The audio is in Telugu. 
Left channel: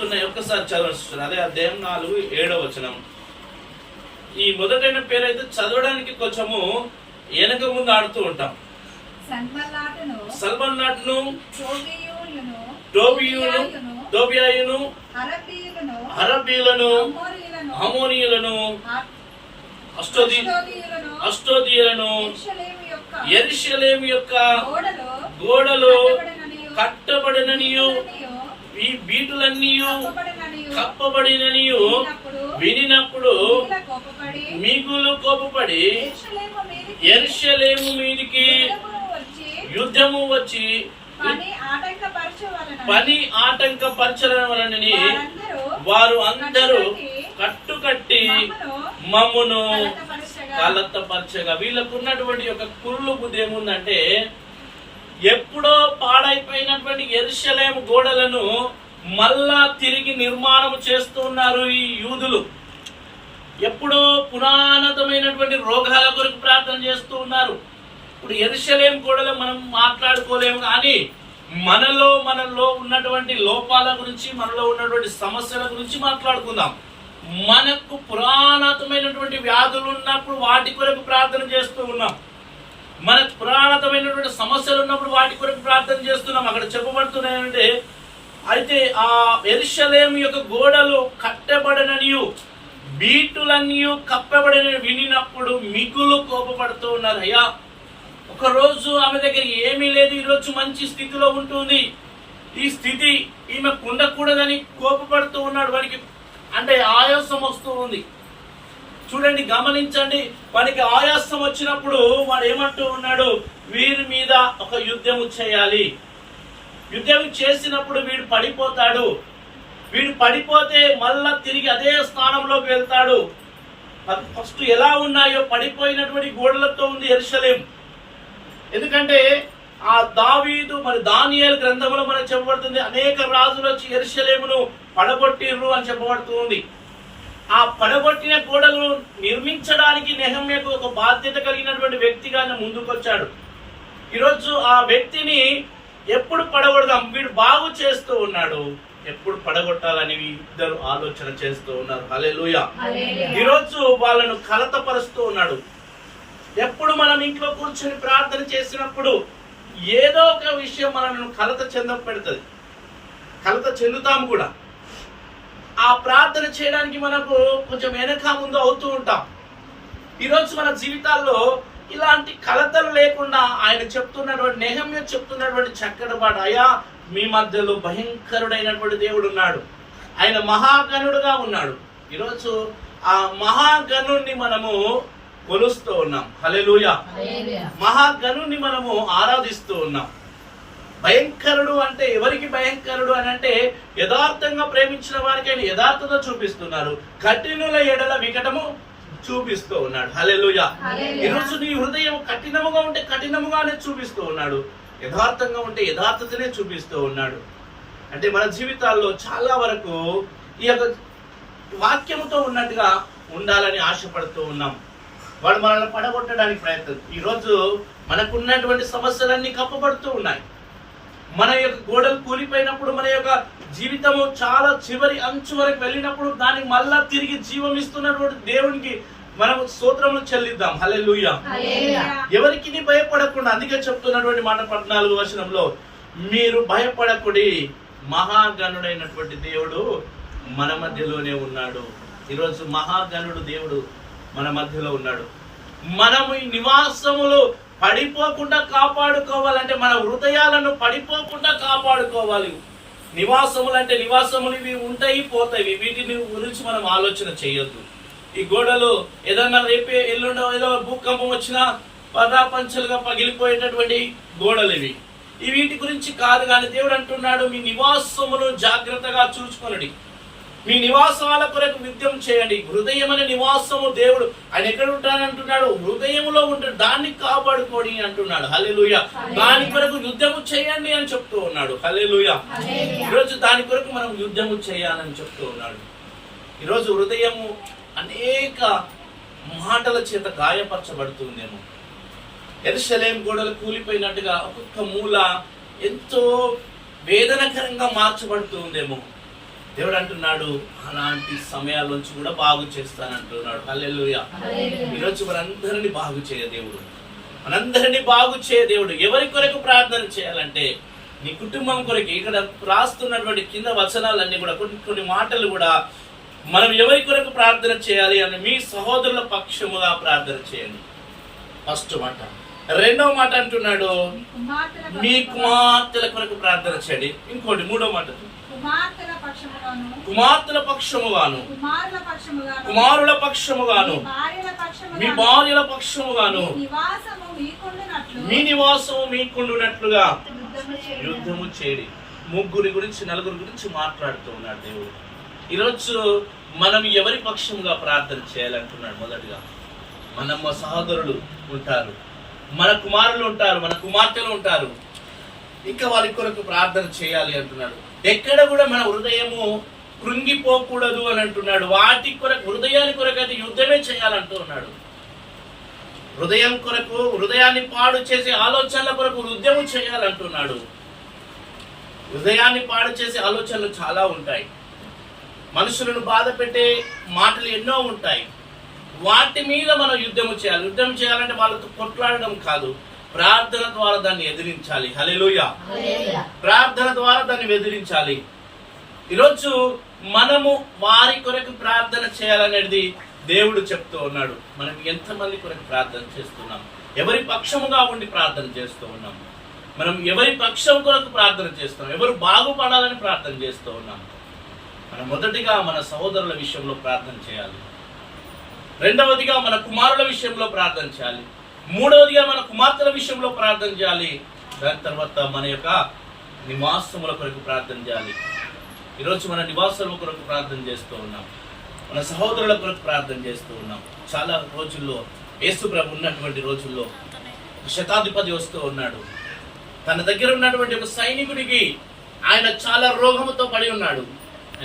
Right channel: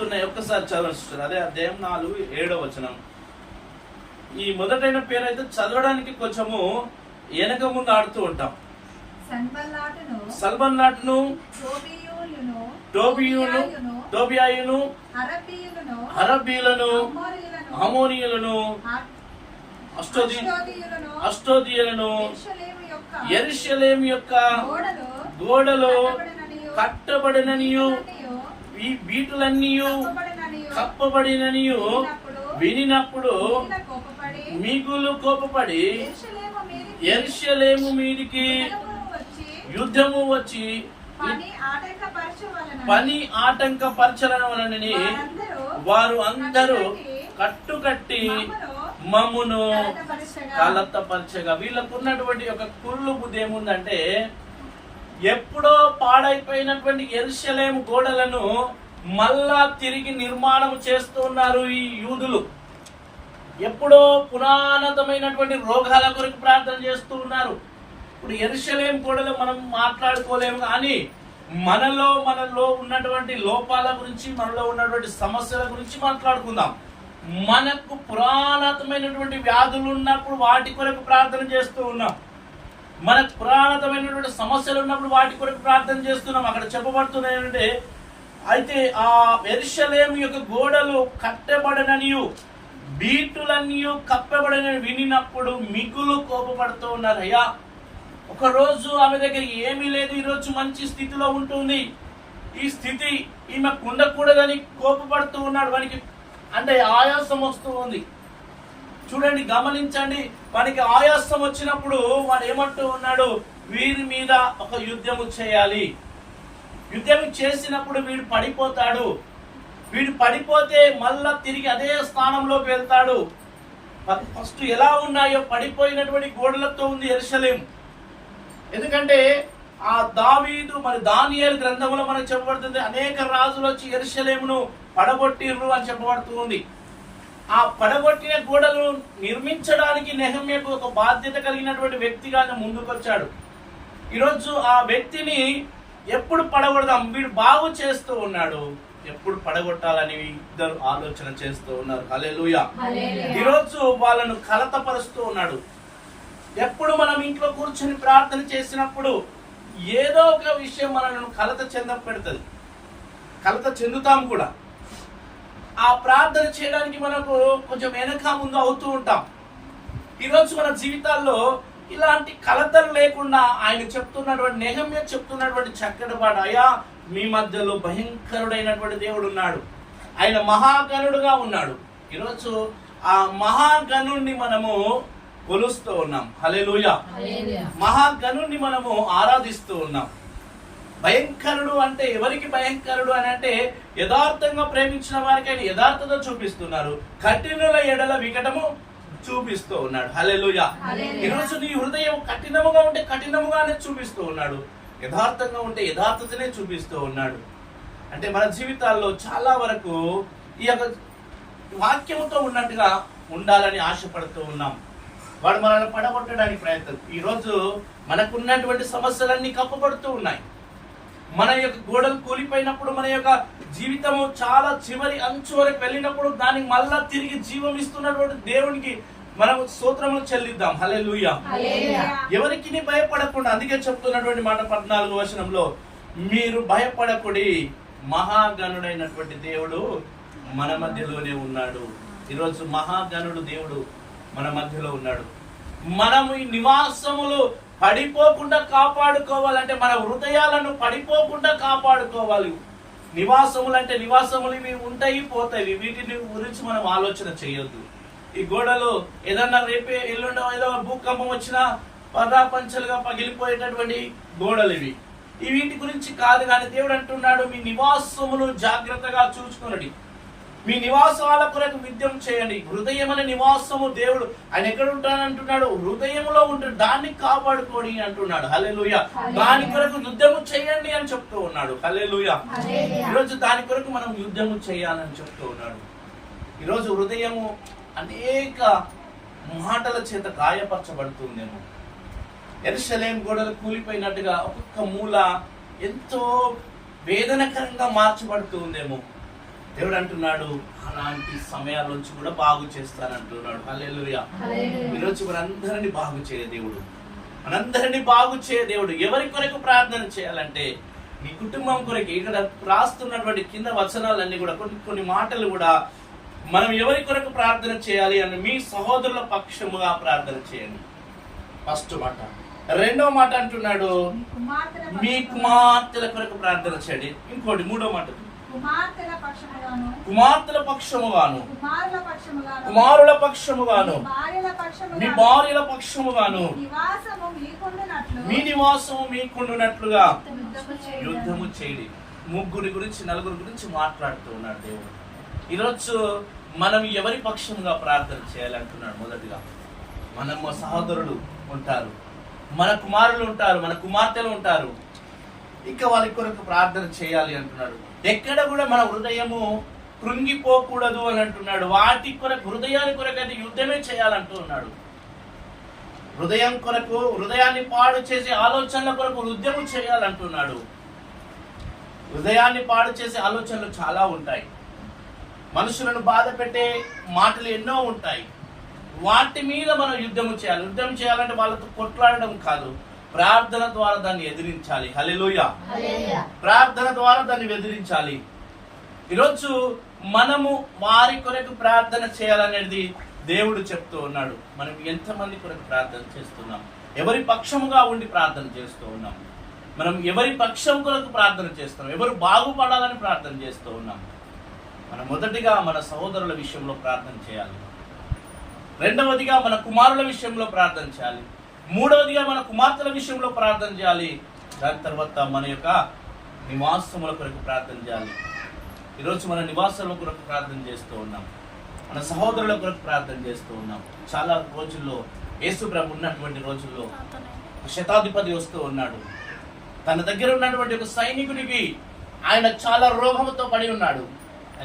చెప్పబడుతున్నాయి. ఒక్కసారి చదవచ్చు. అదే అధ్యాయం 4:7. ఈ మొదటైన పేరు అయితే చదవడానికి కొంచెము వెనక ముందు ఆడుతూ ఉంటాం. సల్మన్నాటును, టోబియాయును, అరబీలను, అమోనియులను, అష్టోదీయులను, యెరూషలేము యొక్క గోడలు కట్టబడిననియు ఈ వీటులన్నీయు కప్పబడిననియు వినినప్పుడు మిగులు కోపపడి యెరూషలేము మీదికి యుద్ధము వచ్చి పని ఆటంకపరచడం వలనని వారు అందరూ కట్టుకట్టి మమ్మును కలతపరచగా. వీళ్ళకు ఉన్నటువంటి ఒక కుళ్ళు బుద్ధి ఏముందంటే, ఎప్పుడో పాడైపోయినటువంటి యెరూషలేము గోడలను మళ్ళా తిరిగి నిర్మాణం చేస్తున్నారు ఈ యూదులు. ఎప్పుడో పురాణతమైనటువంటి రోగాల కొరకు ప్రార్థన చేస్తూ ఉన్నారు. ఇప్పుడు యెరూషలేము గోడలు మనం మాట్లాడుకోలేము, కానీ మనలో ఉన్నటువంటి లోపాల గురించి, మనలో ఉన్నటువంటి సమస్యల గురించి మాట్లాడుకుందాం. మనకు పురాణతమైనటువంటి వ్యాధులు ఉన్నప్పుడు వాటి కొరకు ప్రార్థన చేస్తూ ఉన్నాం. మనకు పురాణతమైనటువంటి సమస్యలు ఉన్నప్పుడు వాటి కొరకు ప్రార్థన చేస్తున్నాం. అక్కడ చెప్పబడుతున్నాయంటే, అయితే ఆ యెరూషలేము యొక్క గోడలు కట్టబడననియు బీటులన్నీ కప్పబడని వినినప్పుడు మిగులు కోపపడుతూ ఉన్నారు. అయ్యా, ఒకరోజు ఆమె దగ్గర ఏమీ లేదు, ఈరోజు మంచి స్థితిలో ఉంటుంది, ఈ స్థితి ఈమెకు ఉండకూడదని కోపపడుతూ ఉన్నాడు. వానికి అంటే ఆయాసం వస్తూ ఉంది. చూడండి, గమనించండి. వానికి ఆయాసం వచ్చినప్పుడు వాడు ఏమంటూ ఉన్నాడు, వీరి మీద ఒక యుద్ధము చేయాలి. యుద్ధం చేసినప్పుడు వీడు పడిపోతాడు. వీడు పడిపోతే మళ్ళా తిరిగి అదే స్థానంలోకి వెళ్తాడు. ఫస్ట్ ఎలా ఉన్నాయో పడిపోయినటువంటి గోడలతో ఉంది యెరూషలేము. ఎందుకంటే ఆ దావీదు మరి దానియేలు గ్రంథంలో మనకు చెప్పబడుతుంది, అనేక రాజులు వచ్చి యెరూషలేమును పడగొట్టిర్రు అని చెప్పబడుతుంది. ఆ పడగొట్టిన గోడలు నిర్మించడానికి నెహెమ్యాకు ఒక బాధ్యత కలిగినటువంటి వ్యక్తిగా ముందుకొచ్చాడు. ఈరోజు ఆ వ్యక్తిని ఎప్పుడు పడగొడదాం, వీడు బాగు చేస్తూ ఉన్నాడు, ఎప్పుడు పడగొట్టాలని ఇద్దరు ఆలోచన చేస్తూ ఉన్నారు. హల్లెలూయా. ఈరోజు వాళ్ళను కలతపరుస్తూ ఉన్నాడు. ఎప్పుడు మనం ఇంట్లో కూర్చొని ప్రార్థన చేసినప్పుడు ఏదో ఒక విషయం మనల్ని కలత పెడుతుంది, కలత చెందుతాం కూడా. ఆ ప్రార్థన చేయడానికి మనకు కొంచెం వెనక ముందు అవుతూ ఉంటాం. ఈరోజు మన జీవితాల్లో ఇలాంటి కలతలు లేకుండా ఆయన చెప్తున్నటువంటి, నెహెమ్యా చెప్తున్నటువంటి చక్కటి మాట, అయ్యా మీ మధ్యలో భయంకరుడైనటువంటి దేవుడు ఉన్నాడు, ఆయన మహాగణుడుగా ఉన్నాడు. ఈరోజు ఆ మహాగణుణ్ణి మనము కొలుస్తూ ఉన్నాం. హల్లెలూయా. మహాగణుణ్ణి మనము ఆరాధిస్తూ ఉన్నాం. భయంకరుడు అంటే ఎవరికి భయంకరుడు అని అంటే, యథార్థంగా ప్రేమించిన వారికి ఆయన యథార్థత చూపిస్తున్నారు, కఠినుల ఎడల వికటము చూపిస్తూ ఉన్నాడు. హల్లెలూయా. ఈరోజు నీ హృదయం కఠినముగా ఉంటే కఠినముగానే చూపిస్తూ ఉన్నాడు, యథార్థంగా ఉంటే యథార్థతనే చూపిస్తూ ఉన్నాడు. అంటే మన జీవితాల్లో చాలా వరకు ఈ యొక్క వాక్యముతో ఉన్నట్టుగా ఉండాలని ఆశపడుతూ ఉన్నాం. వాడు మనల్ని పడగొట్టడానికి ప్రయత్నం. ఈరోజు మనకున్నటువంటి సమస్యలన్నీ కప్పబడుతూ ఉన్నాయి. మన యొక్క గోడలు కూలిపోయినప్పుడు, మన యొక్క జీవితము చాలా చివరి అంచు వరకు వెళ్ళినప్పుడు దానికి మళ్ళా తిరిగి జీవం ఇస్తున్నటువంటి దేవునికి మనం స్తోత్రములు చెల్లిద్దాం. హల్లెలూయా. ఎవరికి భయపడకుండా, అందుకే చెప్తున్నటువంటి మాట 14వ వచనంలో, మీరు భయపడకుడి, మహాగణుడైనటువంటి దేవుడు మన మధ్యలోనే ఉన్నాడు. ఈరోజు మహాగణుడు దేవుడు మన మధ్యలో ఉన్నాడు. మనము ఈ నివాసములు పడిపోకుండా కాపాడుకోవాలంటే, మన హృదయాలను పడిపోకుండా కాపాడుకోవాలి. నివాసములు అంటే నివాసములు ఇవి ఉంటాయి, పోతాయి, వీటిని గురించి మనం ఆలోచన చేయొద్దు. ఈ గోడలు ఏదన్నా రేపే ఎల్లుండో ఏదో భూకంపం వచ్చినా పదాపంచలుగా పగిలిపోయేటటువంటి గోడలు ఇవి. వీటి గురించి కాదు, కానీ దేవుడు అంటున్నాడు, మీ నివాసములు జాగ్రత్తగా చూసుకొనండి, మీ నివాసాల కొరకు యుద్ధం చేయండి. హృదయం అనే నివాసము దేవుడు ఆయన ఎక్కడ ఉంటానంటున్నాడు, హృదయంలో ఉంటాడు, దాన్ని కాపాడుకోండి అంటున్నాడు. హల్లెలూయా. దాని కొరకు యుద్ధము చేయండి అని చెప్తూ ఉన్నాడు. హల్లెలూయా. ఈరోజు దాని కొరకు మనం యుద్ధము చేయాలని చెప్తూ ఉన్నాడు. ఈరోజు హృదయము అనేక మాటల చేత గాయపరచబడుతుందేమో. యెరూషలేము గోడలు కూలిపోయినట్టుగా ఒక్కొక్క మూల ఎంతో వేదనకరంగా మార్చబడుతుందేమో. దేవుడు అంటున్నాడు అలాంటి సమయాల నుంచి కూడా బాగు చేస్తానంటున్నాడు. హల్లెలూయా. ఈరోజు మనందరినీ బాగు చేయ దేవుడు, మనందరినీ బాగు చేయ దేవుడు. ఎవరి కొరకు ప్రార్థన చేయాలంటే నీ కుటుంబం కొరకు. ఇక్కడ రాస్తున్నటువంటి కింద వచనాలన్నీ కూడా కొన్ని మాటలు కూడా మనం ఎవరి కొరకు ప్రార్థన చేయాలి అని, మీ సహోదరుల పక్షముగా ప్రార్థన చేయండి. ఫస్ట్ మాట. రెండవ మాట అంటున్నాడు మీ కుమార్తెల కొరకు ప్రార్థన చేయండి. ఇంకోటి మూడో మాట కుమార్తెల పక్షముగాను, కుమారుల పక్షముగాను, మీ భార్యల పక్షముగాను, మీ నివాసము మీకుండునట్లుగా యుద్ధము చేయడి. ముగ్గురి గురించి నలుగురి గురించి మాట్లాడుతూ ఉన్నాడు దేవుడు. ఈరోజు మనం ఎవరి పక్షముగా ప్రార్థన చేయాలంటున్నాడు. మొదటిగా మన సహోదరులు ఉంటారు, మన కుమారులు ఉంటారు, మన కుమార్తెలు ఉంటారు. ఇంకా వారి కొరకు ప్రార్థన చేయాలి అంటున్నాడు. ఎక్కడ కూడా మన హృదయము కృంగిపోకూడదు అని అంటున్నాడు. వాటి కొరకు, హృదయాన్ని కొరకు అయితే యుద్ధమే చేయాలంటున్నాడు. హృదయం కొరకు, హృదయాన్ని పాడు చేసే ఆలోచనల కొరకు యుద్ధము చేయాలంటున్నాడు. హృదయాన్ని పాడు చేసే ఆలోచనలు చాలా ఉంటాయి. మనుషులను బాధ పెట్టే మాటలు ఎన్నో ఉంటాయి. వాటి మీద మనం యుద్ధము చేయాలి. యుద్ధం చేయాలంటే వాళ్ళతో కొట్లాడడం కాదు, ప్రార్థన ద్వారా దాన్ని ఎదిరించాలి. హల్లెలూయా. ప్రార్థన ద్వారా దాన్ని ఎదిరించాలి. ఈరోజు మనము వారి కొరకు ప్రార్థన చేయాలనేది దేవుడు చెప్తూ ఉన్నాడు. మనం ఎంతమంది కొరకు ప్రార్థన చేస్తున్నాం? ఎవరి పక్షముగా ఉండి ప్రార్థన చేస్తూ ఉన్నాం? మనం ఎవరి పక్షం కొరకు ప్రార్థన చేస్తున్నాం? ఎవరు బాగుపడాలని ప్రార్థన చేస్తూ ఉన్నాం? మనం మొదటిగా మన సహోదరుల విషయంలో ప్రార్థన చేయాలి. రెండవదిగా మన కుమారుల విషయంలో ప్రార్థన చేయాలి. మూడవదిగా మన కుమార్తెల విషయంలో ప్రార్థన చేయాలి. దాని తర్వాత మన యొక్క నివాసముల కొరకు ప్రార్థన చేయాలి. ఈరోజు మన నివాసముల కొరకు ప్రార్థన చేస్తూ ఉన్నాం, మన సహోదరుల కొరకు ప్రార్థన చేస్తూ ఉన్నాం. చాలా రోజుల్లో, యేసు ప్రభు ఉన్నటువంటి రోజుల్లో శతాధిపతి వస్తూ ఉన్నాడు. తన దగ్గర ఉన్నటువంటి ఒక సైనికునికి ఆయన చాలా రోగముతో పడి ఉన్నాడు.